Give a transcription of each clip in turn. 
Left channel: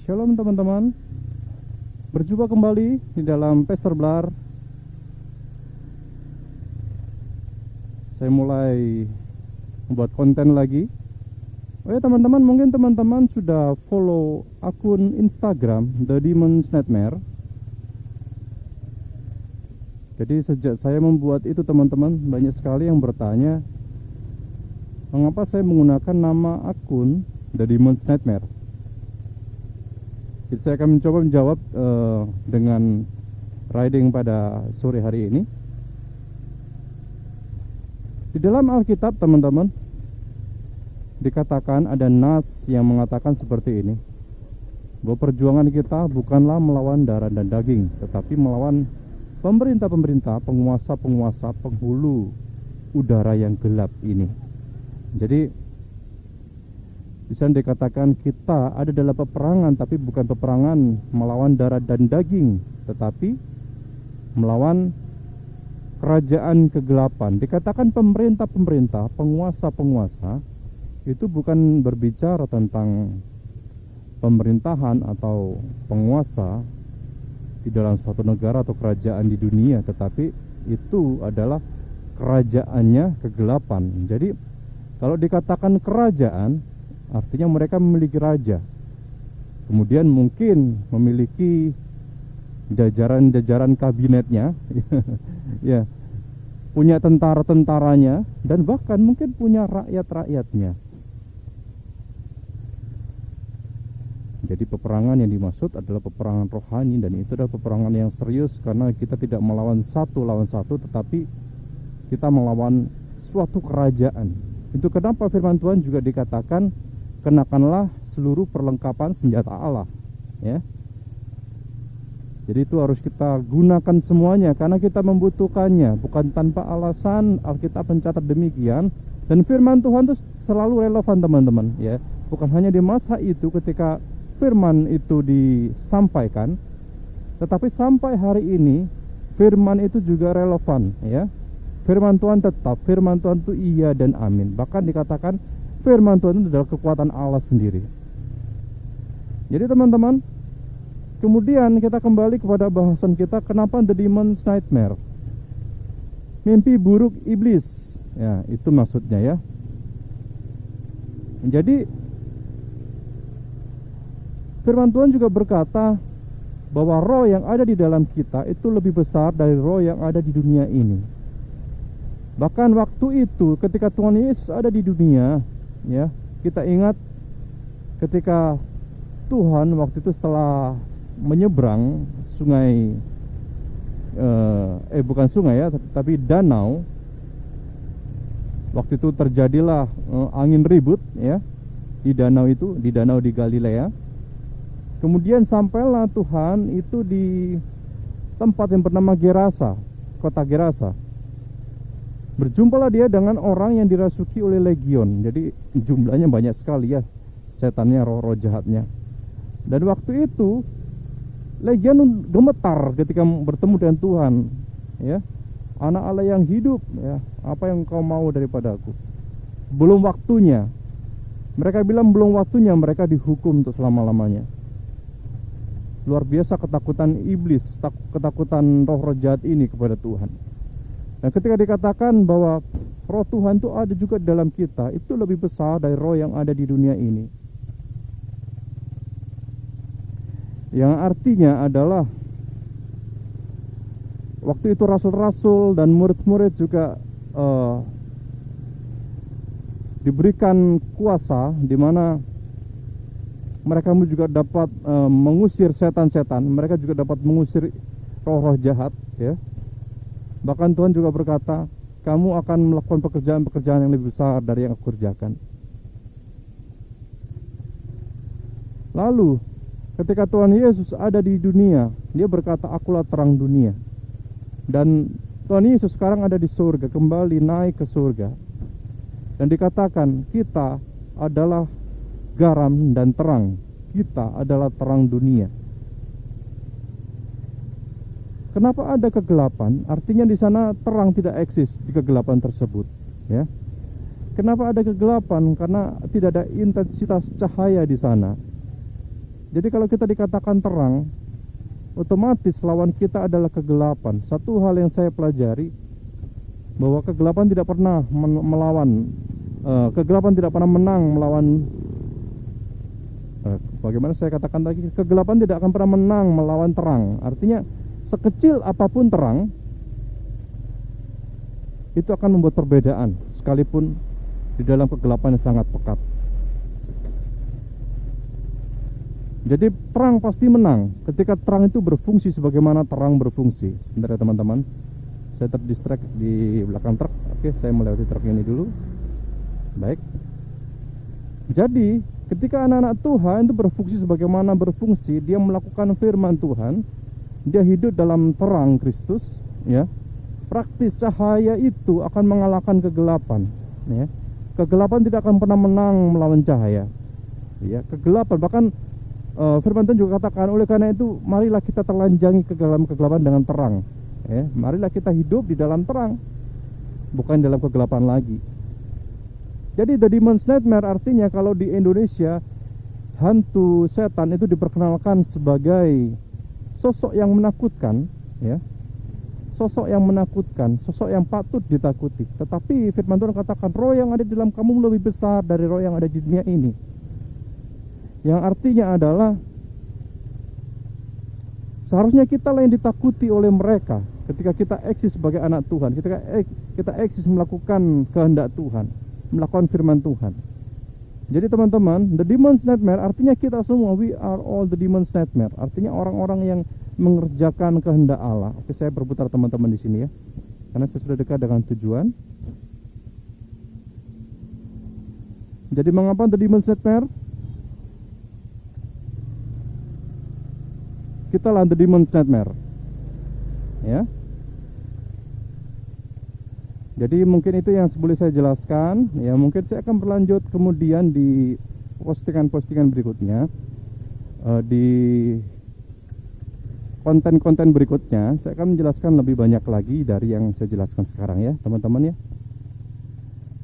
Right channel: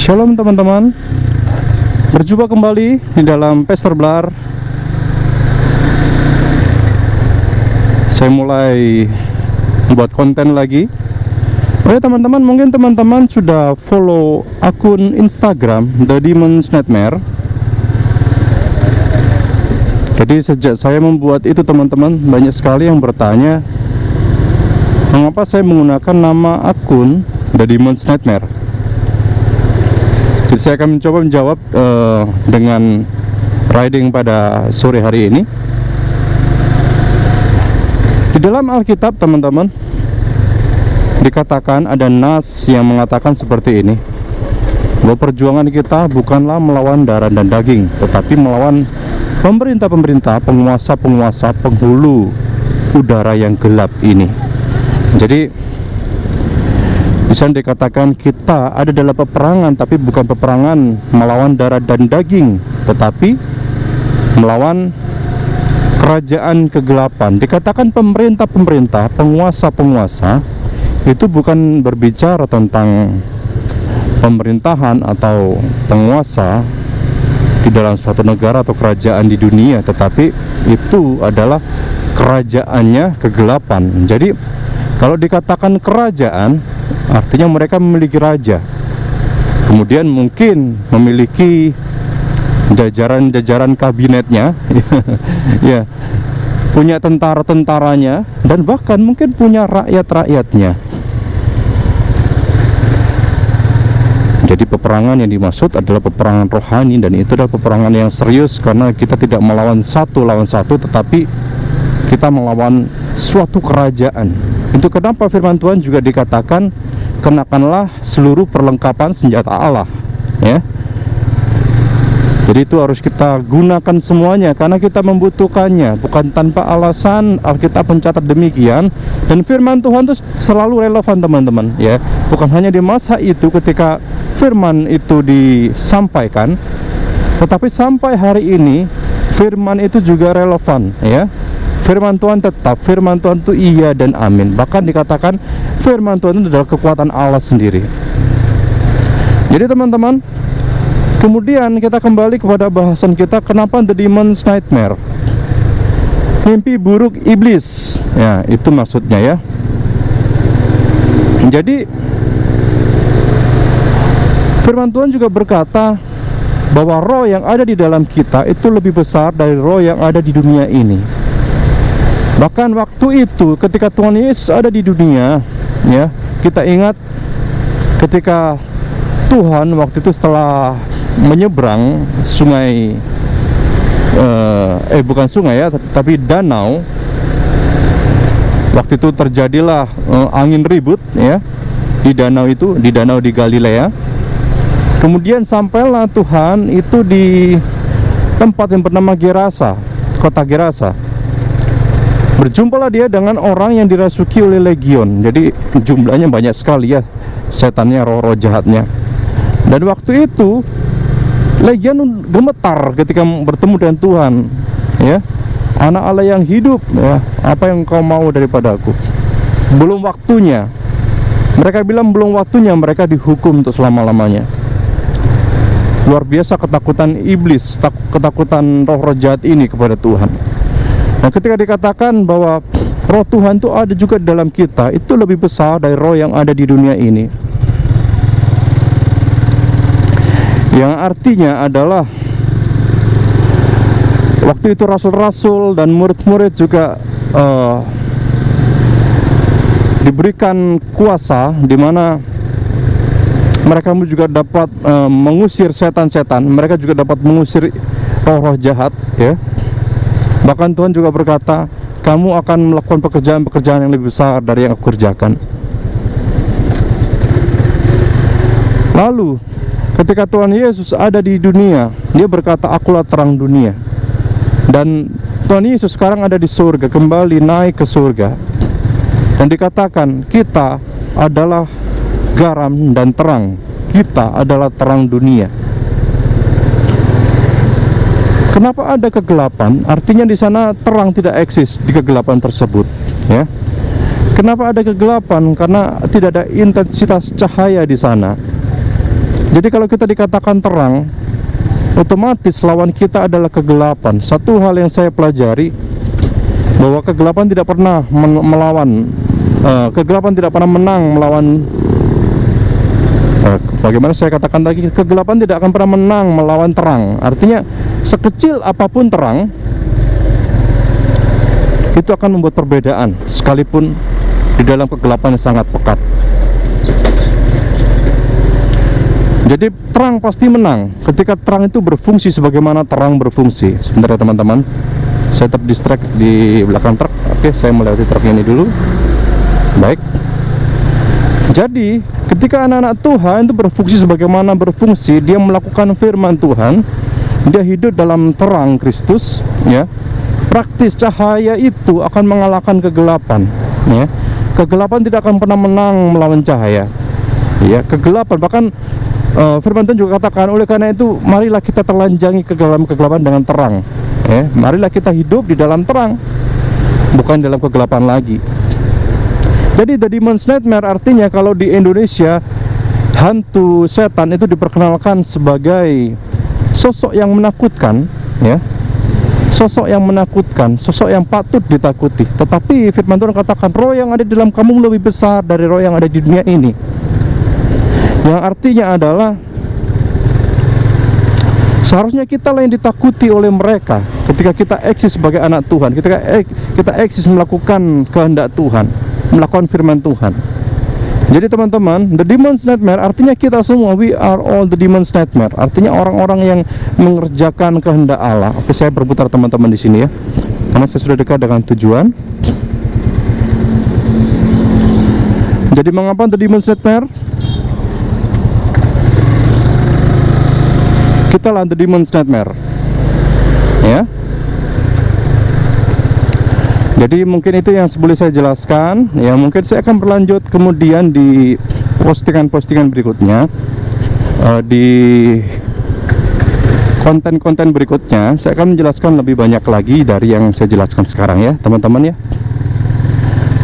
Shalom teman-teman, berjumpa kembali di dalam Pastor Blar. Saya mulai membuat konten lagi. Oh ya teman-teman, mungkin teman-teman sudah follow akun Instagram The Demon's Nightmare. Jadi sejak saya membuat itu teman-teman, banyak sekali yang bertanya mengapa saya menggunakan nama akun The Demon's Nightmare. Jadi saya akan mencoba menjawab dengan riding pada sore hari ini. Di dalam Alkitab teman-teman, dikatakan ada nas yang mengatakan seperti ini, bahwa perjuangan kita bukanlah melawan darah dan daging, tetapi melawan pemerintah-pemerintah, penguasa-penguasa, penghulu udara yang gelap ini. Jadi bisa dikatakan kita ada dalam peperangan, tapi bukan peperangan melawan darah dan daging, tetapi melawan kerajaan kegelapan. Dikatakan pemerintah-pemerintah, penguasa-penguasa, itu bukan berbicara tentang pemerintahan atau penguasa di dalam suatu negara atau kerajaan di dunia, tetapi itu adalah kerajaannya kegelapan. Jadi kalau dikatakan kerajaan, artinya mereka memiliki raja, kemudian mungkin memiliki jajaran-jajaran kabinetnya ya, punya tentara-tentaranya, dan bahkan mungkin punya rakyat-rakyatnya. Jadi peperangan yang dimaksud adalah peperangan rohani, dan itu adalah peperangan yang serius, karena kita tidak melawan satu lawan satu, tetapi kita melawan suatu kerajaan. Itu kenapa firman Tuhan juga dikatakan, kenakanlah seluruh perlengkapan senjata Allah, ya. Jadi itu harus kita gunakan semuanya, karena kita membutuhkannya, bukan tanpa alasan. Alkitab mencatat demikian, dan firman Tuhan itu selalu relevan teman-teman, ya. Bukan hanya di masa itu ketika firman itu disampaikan, tetapi sampai hari ini firman itu juga relevan, ya. Firman Tuhan tetap, firman Tuhan itu iya dan amin. Bahkan dikatakan firman Tuhan itu adalah kekuatan Allah sendiri. Jadi teman-teman, kemudian kita kembali kepada bahasan kita, kenapa The Demon's Nightmare, mimpi buruk iblis. Ya, itu maksudnya ya. Jadi firman Tuhan juga berkata bahwa roh yang ada di dalam kita itu lebih besar dari roh yang ada di dunia ini. Bahkan waktu itu ketika Tuhan Yesus ada di dunia, ya, kita ingat ketika Tuhan waktu itu setelah menyeberang sungai, bukan sungai ya, tapi danau. Waktu itu terjadilah angin ribut, ya, di danau itu, di danau di Galilea. Kemudian sampailah Tuhan itu di tempat yang bernama Gerasa, kota Gerasa. Berjumpalah dia dengan orang yang dirasuki oleh legion. Jadi jumlahnya banyak sekali ya, setannya, roh-roh jahatnya. Dan waktu itu legion gemetar ketika bertemu dengan Tuhan, ya. Anak Allah yang hidup, ya, apa yang kau mau daripadaku? Belum waktunya. Mereka bilang belum waktunya, mereka dihukum untuk selama-lamanya. Luar biasa ketakutan iblis, ketakutan roh-roh jahat ini kepada Tuhan. Nah, ketika dikatakan bahwa roh Tuhan itu ada juga di dalam kita, itu lebih besar dari roh yang ada di dunia ini. Yang artinya adalah waktu itu rasul-rasul dan murid-murid juga diberikan kuasa, di mana mereka juga dapat mengusir setan-setan, mereka juga dapat mengusir roh-roh jahat, ya. Bahkan Tuhan juga berkata, kamu akan melakukan pekerjaan-pekerjaan yang lebih besar dari yang aku kerjakan. Lalu ketika Tuhan Yesus ada di dunia, dia berkata, akulah terang dunia. Dan Tuhan Yesus sekarang ada di surga, kembali naik ke surga. Dan dikatakan, kita adalah garam dan terang, kita adalah terang dunia. Kenapa ada kegelapan? Artinya di sana terang tidak eksis di kegelapan tersebut, ya. Kenapa ada kegelapan? Karena tidak ada intensitas cahaya di sana. Jadi kalau kita dikatakan terang, otomatis lawan kita adalah kegelapan. Satu hal yang saya pelajari, bahwa kegelapan tidak pernah melawan, kegelapan tidak pernah menang melawan, bagaimana saya katakan tadi, kegelapan tidak akan pernah menang melawan terang. Artinya sekecil apapun terang itu akan membuat perbedaan, sekalipun di dalam kegelapan yang sangat pekat. Jadi terang pasti menang ketika terang itu berfungsi sebagaimana terang berfungsi. Sebentar ya teman-teman, saya terdistract di belakang truk. Oke, saya melewati truk ini dulu. Baik. Jadi ketika anak-anak Tuhan itu berfungsi sebagaimana berfungsi, dia melakukan firman Tuhan, dia hidup dalam terang Kristus, ya. Praktis cahaya itu akan mengalahkan kegelapan, ya. Kegelapan tidak akan pernah menang melawan cahaya, ya. Kegelapan, bahkan firman Tuhan juga katakan, oleh karena itu marilah kita telanjangi kegelapan dengan terang, ya. Marilah kita hidup di dalam terang, bukan dalam kegelapan lagi. Jadi The Demon's Nightmare artinya kalau di Indonesia hantu setan itu diperkenalkan sebagai sosok yang menakutkan, ya. Sosok yang menakutkan, sosok yang patut ditakuti. Tetapi firman Tuhan katakan, roh yang ada di dalam kamu lebih besar dari roh yang ada di dunia ini. Yang artinya adalah seharusnya kita lah yang ditakuti oleh mereka ketika kita eksis sebagai anak Tuhan, ketika kita eksis melakukan kehendak Tuhan, melakukan firman Tuhan. Jadi teman-teman, The Demon's Nightmare artinya kita semua, we are all the Demon's Nightmare. Artinya orang-orang yang mengerjakan kehendak Allah. Oke, saya berputar teman-teman di sini ya, karena saya sudah dekat dengan tujuan. Jadi mengapa The Demon's Nightmare? Kita lah The Demon's Nightmare, ya. Jadi mungkin itu yang boleh saya jelaskan. Ya, mungkin saya akan berlanjut kemudian di postingan-postingan berikutnya, di konten-konten berikutnya saya akan menjelaskan lebih banyak lagi dari yang saya jelaskan sekarang ya teman-teman ya.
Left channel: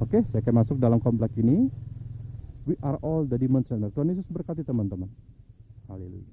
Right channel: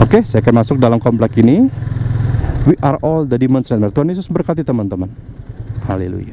Oke, saya akan masuk dalam komplek ini. We are all the Demon's Nightmare. Tuhan Yesus berkati teman-teman. Haleluya.